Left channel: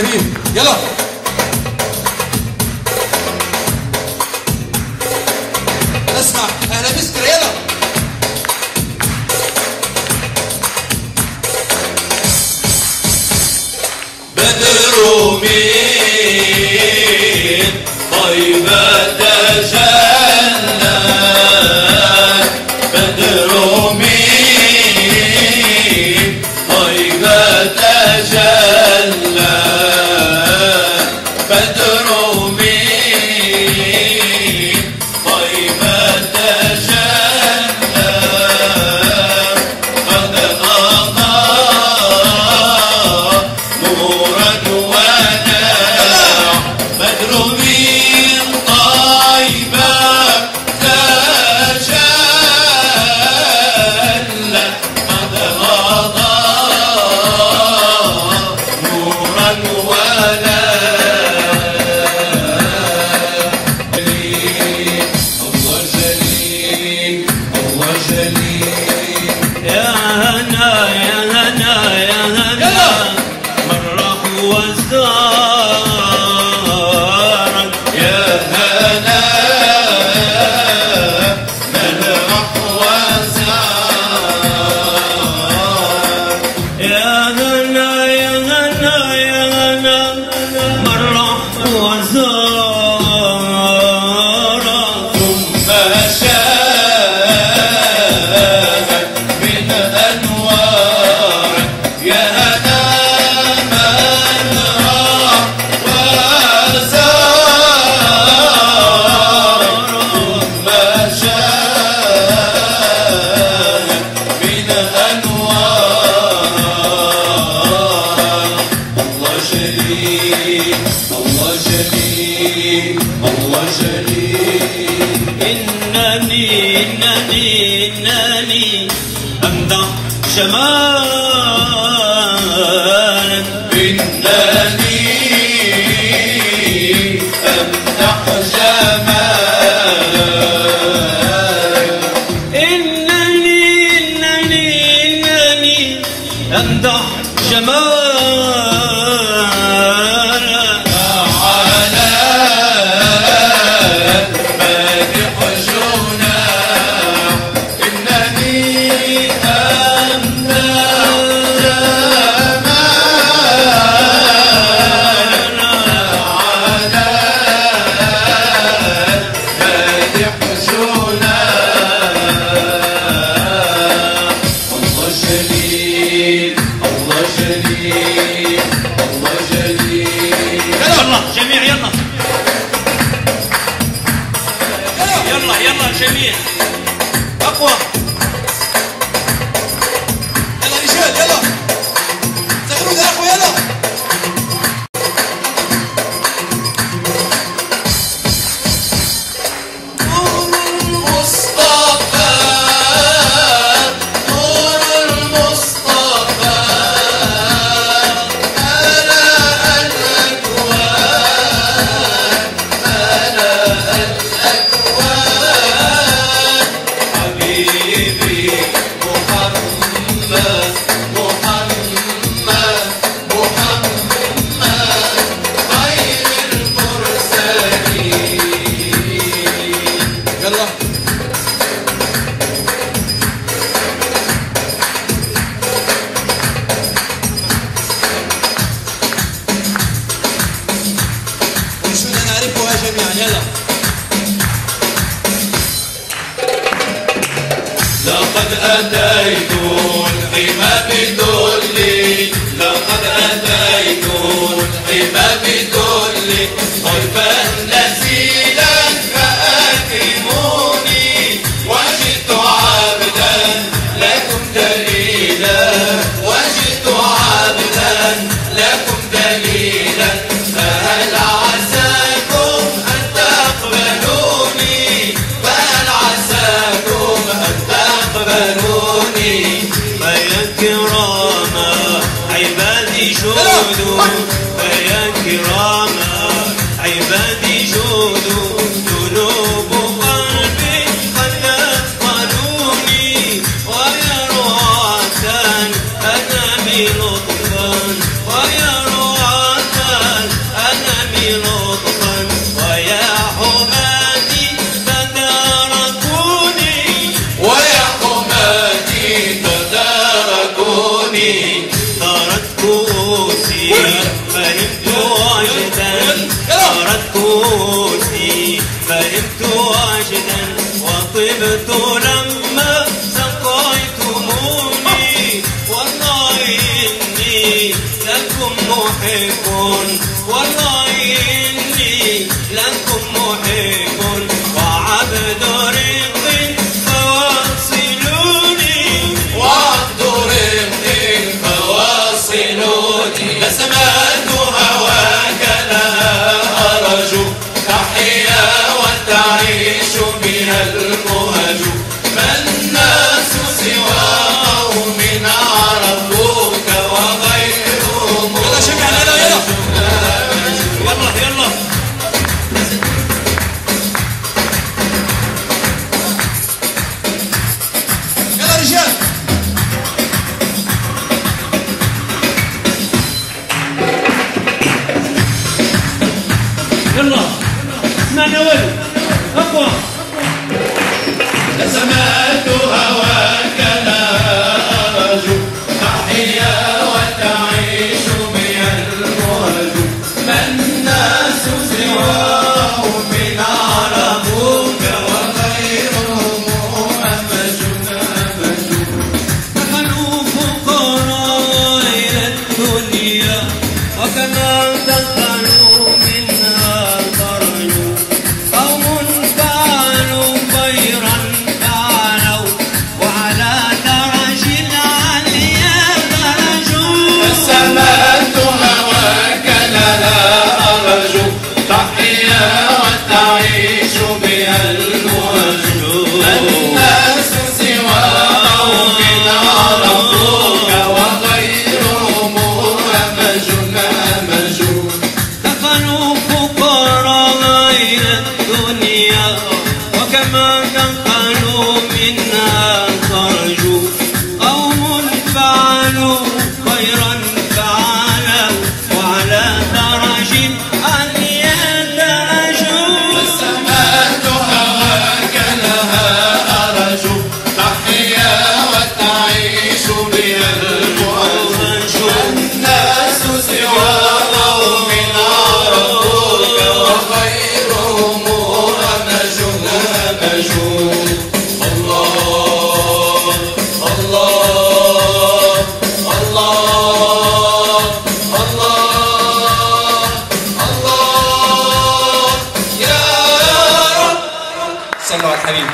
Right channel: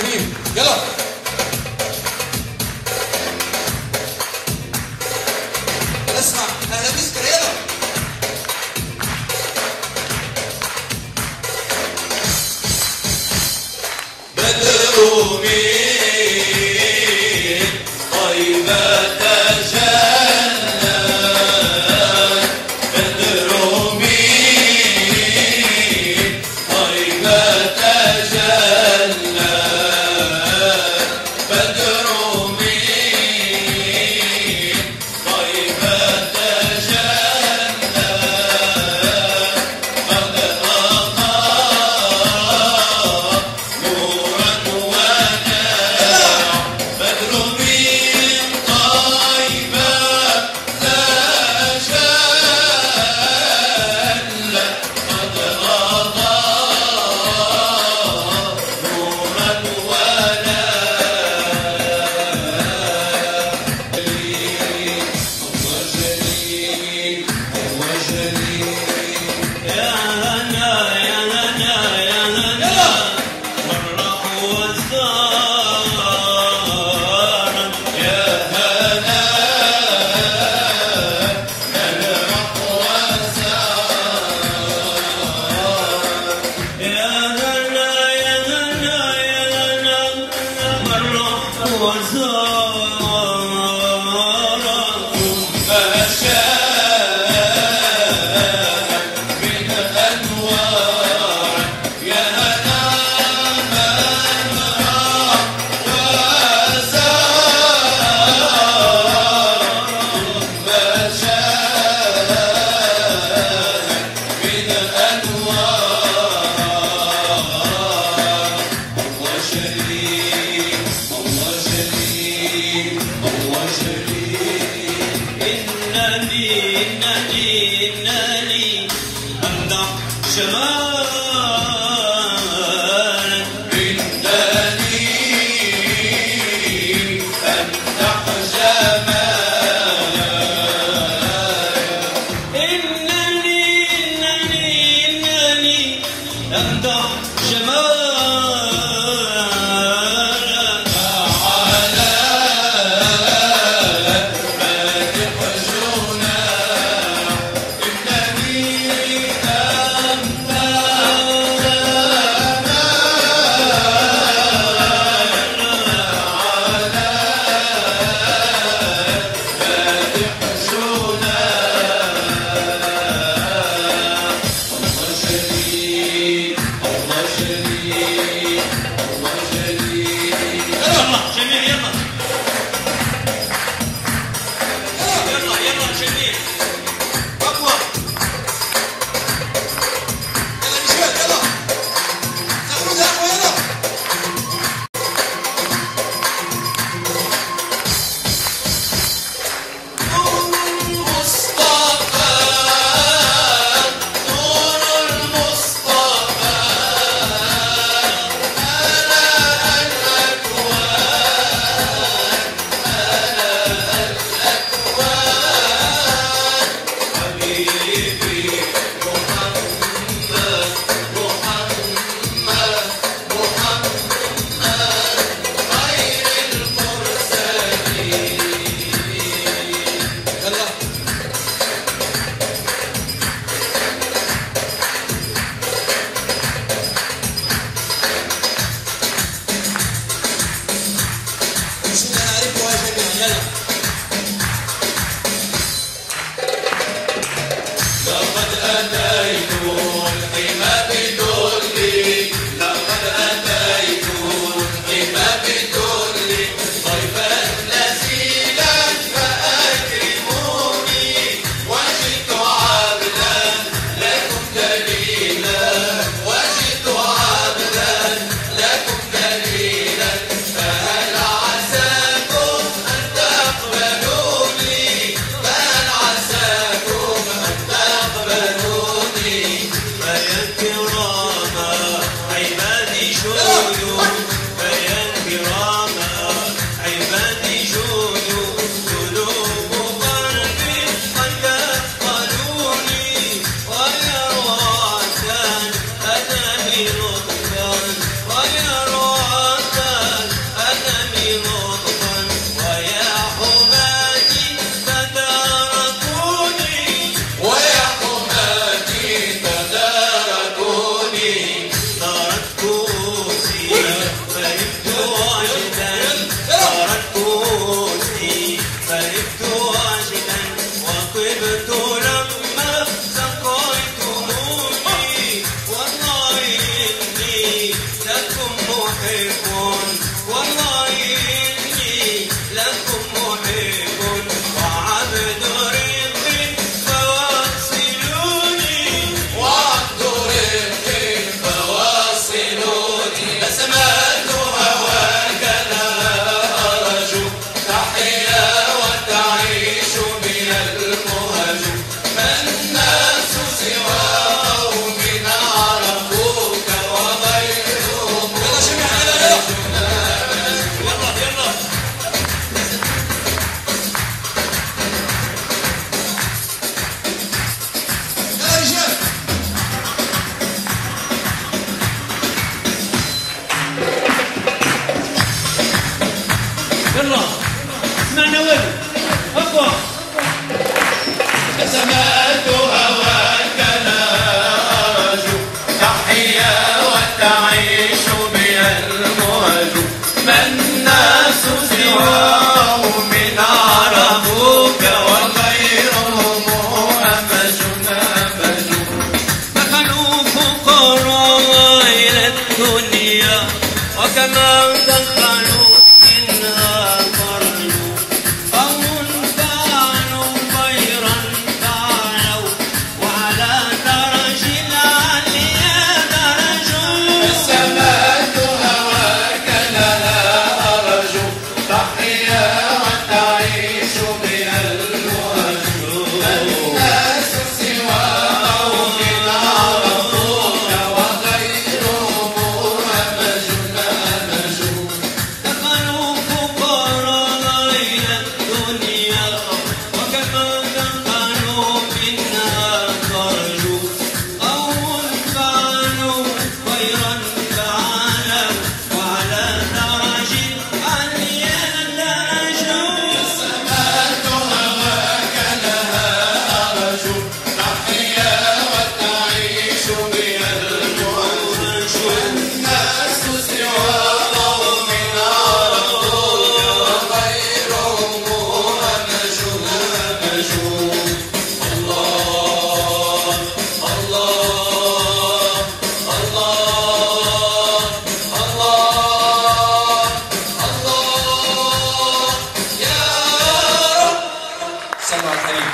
حبيبي يلا. اسمع اهلا مسكر يلا. بدر من طيبة تجلى، بدر من طيبة تجلى، بدر من طيبة تجلى، قد أضاء نورا وداع، بدر من طيبة تجلى، قد أضاء نورا ولا الله جليل الله جليل. يا هنا يا هنا يا هنا مرح وزارك، يا هنا نلمح وزارك، يا هنا يا هنا يا هنا مرح وزارك، ثم شاهد من أنوارك، يا هنا من راح وزارك، ثم شاهد من أنوارك. الله جليل الله جليل الله جليل. إنني أمدح جمالك، إنني أمدح جمالك، إنني أمدح جمالك، على مادح جناح، إنني أمدح جمالك، على مادح جناح. الله جليل الله جليل الله جليل. يلا جميع يلا يلا يلا جميع اقوى يلا رجال يلا استغلوا ده اقوى يلا. المصطفى نور المصطفى ملأ الأكوان، ملأ الأكوان، حبيبي محمد محمد محمد خير المرسلين. يلا انشدنا نعرفها جميعا يلا. لقد أتيت الحمى بدلي، لقد أتيت الحمى بدلي، ضيفا نزيلا فأكرموني، وجئت عبدا لكم دليلا، وجئت عبدا لكم دليلا، فهل عساكم أن تقبلوني، فهل عساكم أن تقبلوني، فيا كرام عبادي جودوا، فيا كرام عبادي جودوا، قلوب قلبي قد أثقلوني، ويا رعاة أنا لطفا، ويا رعاة فهمت وجدا صارت كوسي فهمت وجدا وطبت لما سقيتموني والله إني لكم محب والله إني لكم محب وعبد رق فواصلوني وعبد رفق فواصلوني بسمات هواك لا أرجو تحيا وتعيش بها المهج ما الناس سواه من عرفوك وغيرهم يلا شجع علينا يلا يلا يلا رجال يلا اسمعنا ولد اقوى سمعت هواك لا أرجو تحيا وتعيش بها المهج ما الناس سواه من عرفوك وغيرهم أمجنا دخلوا فقراء إلى الدنيا وكما دخلوا منها خرجوا قوم فعلوا خيرا فعلوا وعلى درج العليا درجوا سمعت هواك لا أرجو تحيا وتعيش بها المهج الناس سواه من عرفوك وغيرهم أمجوا دخلوا فقراء إلى الدنيا وكما دخلوا منها خرجوا قوم فعلوا خيرا فعلوا وعلى درج عليا درجوا سمعت هواك لها أرجو تحيا وتعيش بها المهج الناس سواه من عرفوك وغيرهم أمجوا الله الله الله الله الله يا رب صلوا على الحبيب